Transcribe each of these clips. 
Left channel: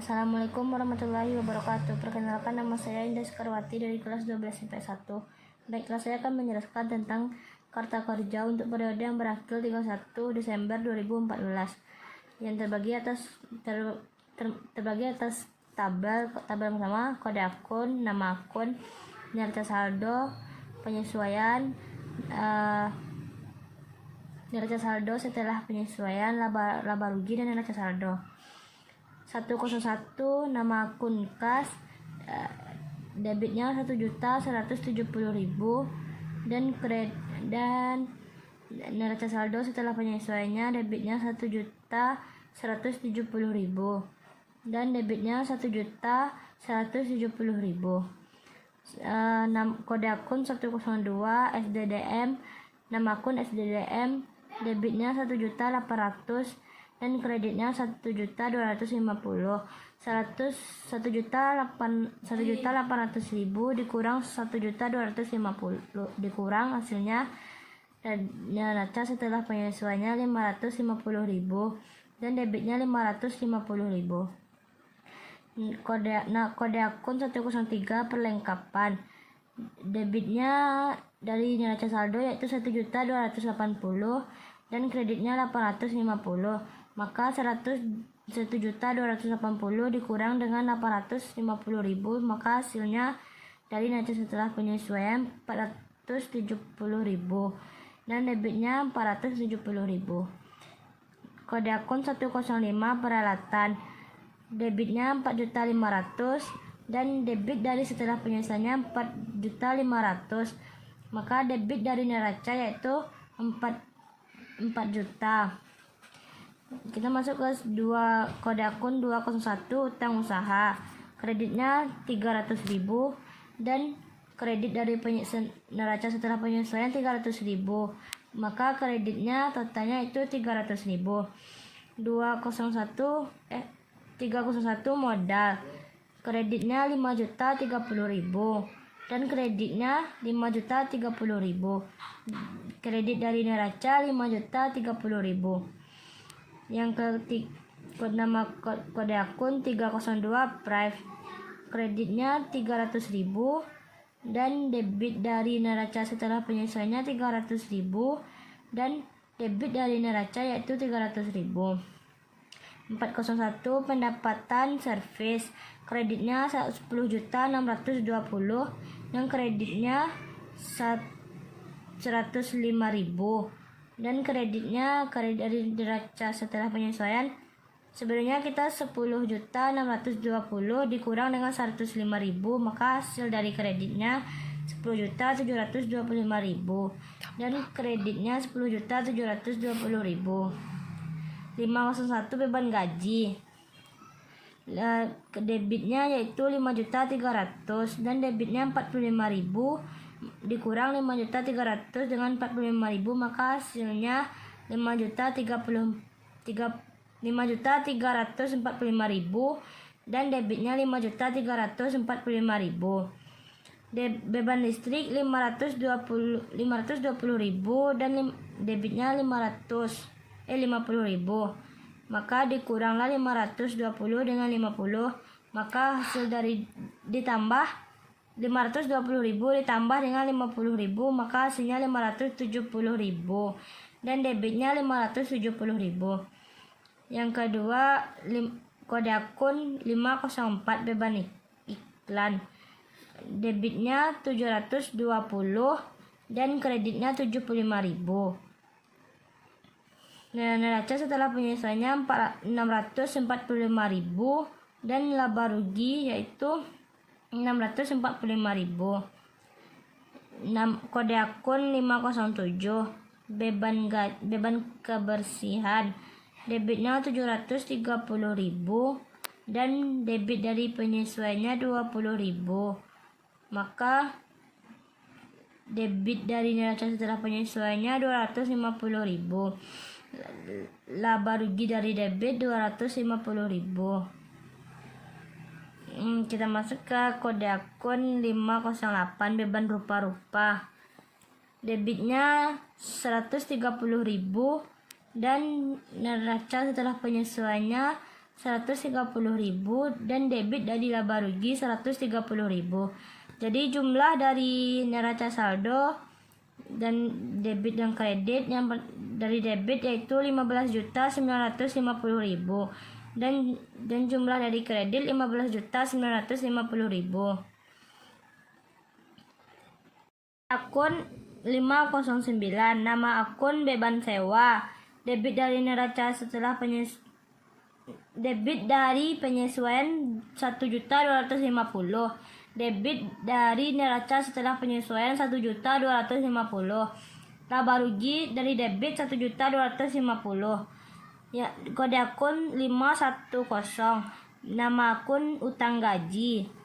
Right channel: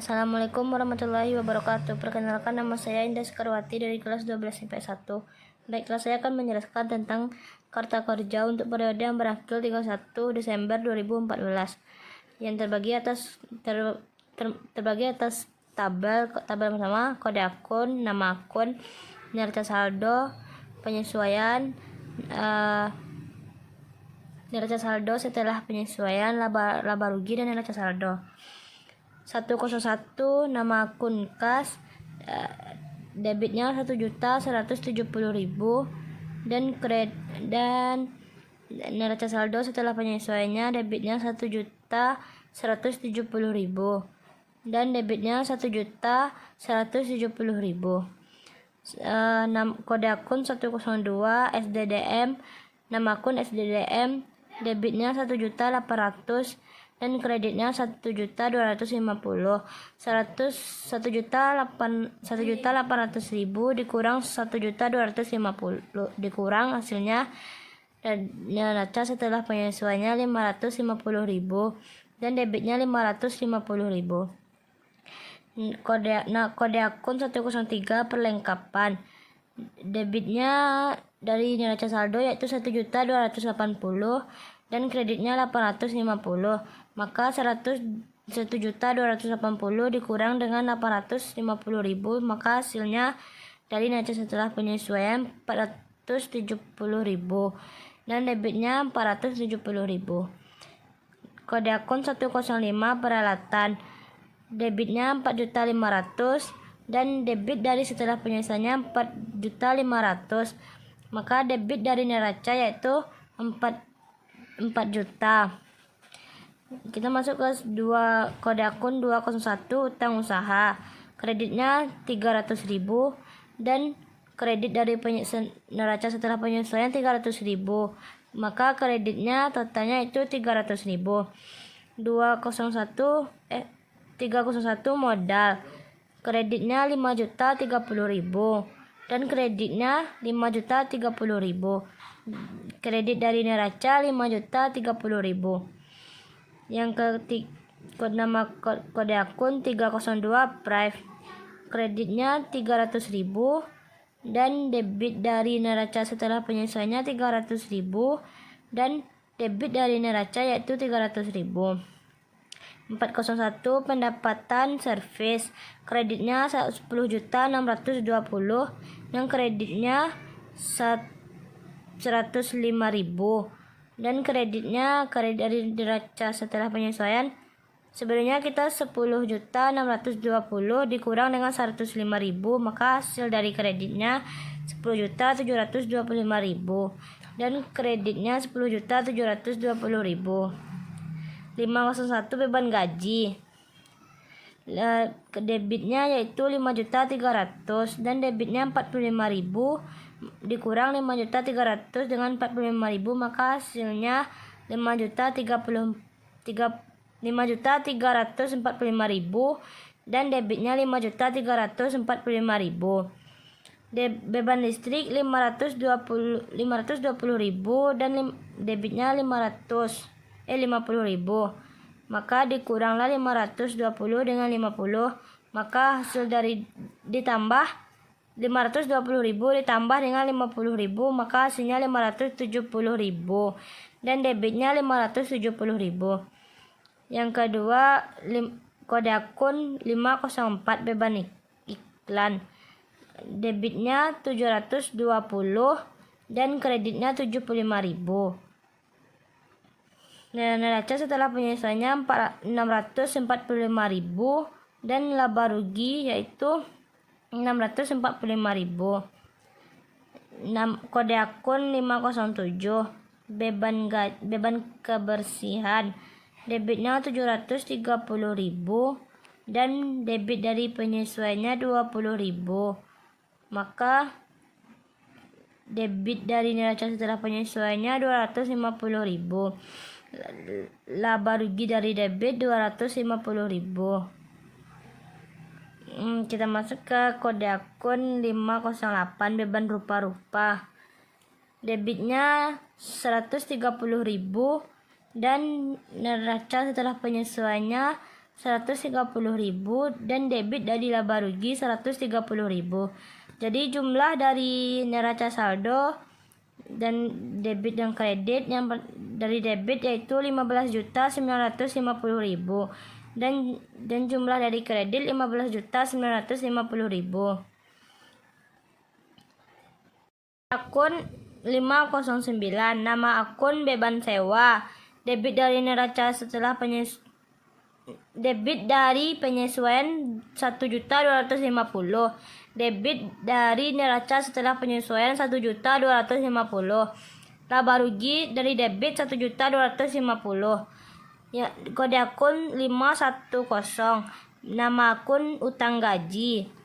Assalamualaikum warahmatullahi wabarakatuh. Perkenalkan, nama saya Indah Sekarwati dari kelas 12 IPS 1. Baiklah, saya akan menjelaskan tentang Karta Kerja untuk periode yang berakhir 31 Desember 2014 yang terbagi atas tabel pertama, kode akun, nama akun, neraca saldo, penyesuaian, neraca saldo setelah penyesuaian, laba rugi, dan neraca saldo. 101 nama akun kas, debitnya 1.170.000 dan neraca saldo setelah penyesuaiannya, debitnya 1.170.000 dan debitnya 1.170.000. Kode akun 102 SDDM, nama akun SDDM, debitnya 1.800.000 dan kreditnya 1.250.000. 1.800.000 dikurang 1.250.000 dikurang hasilnya, dan neraca setelah penyesuaiannya 550.000 dan debitnya 550.000. Kode akun 103 perlengkapan, debitnya dari neraca saldo yaitu 1.280.000 dan kreditnya 850. Maka 1.280.000 dikurang dengan 850.000, maka hasilnya dari neraca setelah penyesuaian 470.000 dan debitnya 470.000. Kode akun 105 peralatan, debitnya 4.500.000 dan debit dari setelah penyesuaiannya 4.500.000, maka debit dari neraca yaitu 4 juta. Kita masuk ke kode akun 201 utang usaha, kreditnya 300.000 dan kredit dari neraca setelah penyesuaian 300.000, maka kreditnya totalnya itu 300.000. 301 modal, kreditnya 5.030.000 dan kreditnya 5.030.000. Kredit dari neraca 5.030.000. Yang ketiga, kode akun 302 Prive, kreditnya 300.000 dan debit dari neraca setelah penyesuaiannya 300.000 dan debit dari neraca yaitu 300.000. 401 pendapatan servis, kreditnya 10.620 dan kreditnya 105.000 dan kredit dari neraca setelah penyesuaian. Sebenarnya kita 10.620 dikurang dengan 105.000, maka hasil dari kreditnya 10.725.000 dan kreditnya 10.720.000. 501 beban gaji, debitnya yaitu 5.300.000 dan debitnya 45.000 dikurang 5.300.000 dengan 45.000, maka hasilnya 5.345.000 dan debitnya 5.345.000. Beban listrik 520.000 dan debitnya 50.000, maka dikuranglah 520 dengan 50, maka hasil dari ditambah 520.000 ditambah dengan 50.000, maka hasilnya 570.000 dan debitnya 570.000. Yang kedua, kode akun 504 beban iklan, debitnya 720 dan kreditnya 75.000. Neraca setelah penyesuaiannya 645.000 dan laba rugi yaitu 645.000. Kode akun 507 beban kebersihan, debitnya 730.000 dan debit dari penyesuaiannya 20.000, maka debit dari neraca setelah penyesuaiannya 250.000, laba rugi dari debit 250.000. Kita masuk ke kode akun 508 beban rupa-rupa, debitnya 130.000 dan neraca setelah penyesuaiannya 130.000 dan debit dari laba rugi 130.000. Jadi jumlah dari neraca saldo dan debit dan kredit yang dari debit yaitu 15.950.000 dan jumlah dari kredit 15.950.000. Akun 509, nama akun beban sewa. Debit dari neraca setelah debit dari penyesuaian 1.250.000. Debit dari neraca setelah penyesuaian 1.250.000. Laba rugi dari debit 1.250.000. Ya, kode akun 510. Nama akun utang gaji.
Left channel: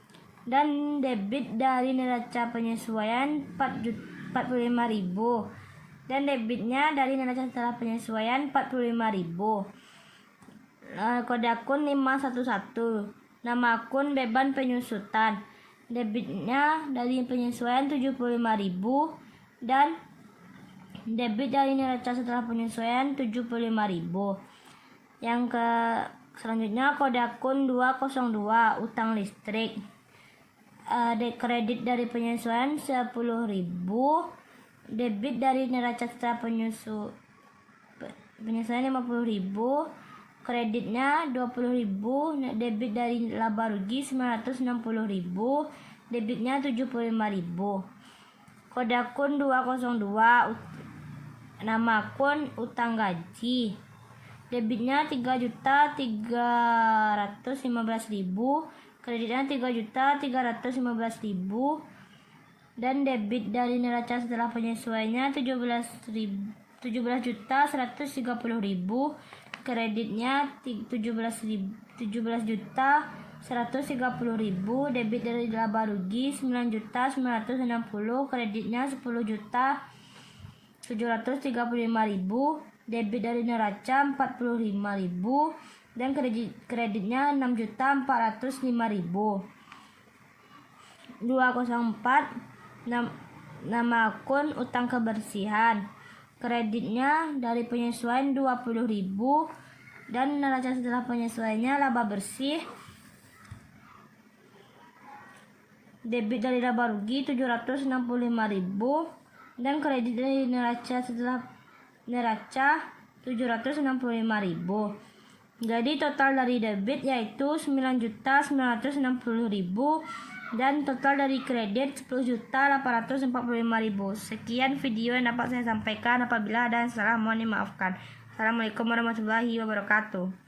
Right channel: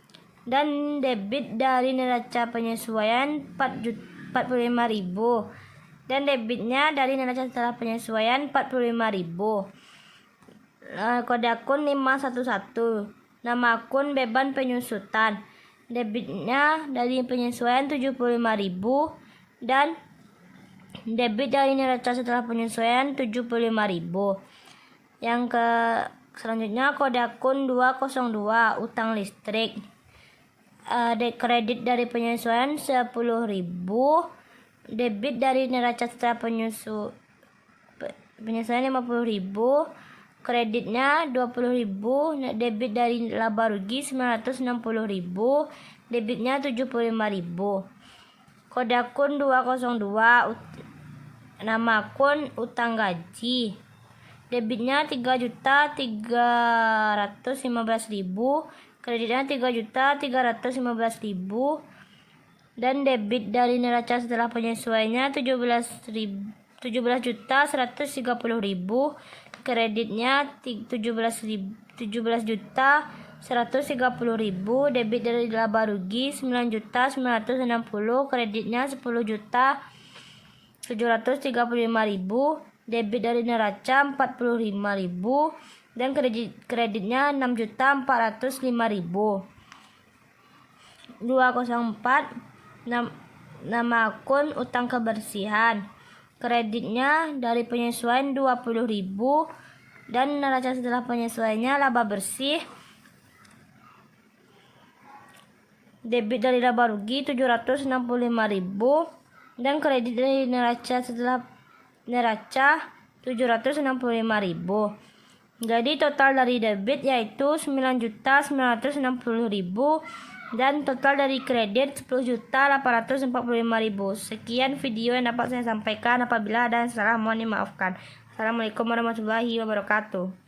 Dan debit dari neraca penyesuaian 45.000 dan debitnya dari neraca setelah penyesuaian 45.000. Kode akun 511. Nama akun beban penyusutan. Debitnya dari penyesuaian 75.000 dan debit dari neraca setelah penyesuaian 75.000. Yang selanjutnya kode akun 202 utang listrik. Kredit dari penyesuaian 10.000, debit dari neraca setelah penyesuaian 50.000, kreditnya 20.000, debit dari laba rugi 960.000, debitnya 75.000. Kode akun 202, nama akun utang gaji. Debitnya 3.315.000, kreditnya 3.315.000 dan debit dari neraca setelah penyesuaiannya 17.130.000, kreditnya 17.130.000, debit dari laba rugi 9.960.000, kreditnya 10.735.000, debit dari neraca 45.000 dan kreditnya 6.405.000. 204, nama akun utang kebersihan. Kreditnya dari penyesuaian 20.000 dan neraca setelah penyesuaiannya laba bersih. Debit dari laba rugi 765.000 dan kredit dari neraca setelah neraca 765.000. Jadi total dari debit yaitu 9.960.000 dan total dari kredit 10.845.000. Sekian video yang dapat saya sampaikan. Apabila ada yang salah mohon dimaafkan. Assalamualaikum warahmatullahi wabarakatuh.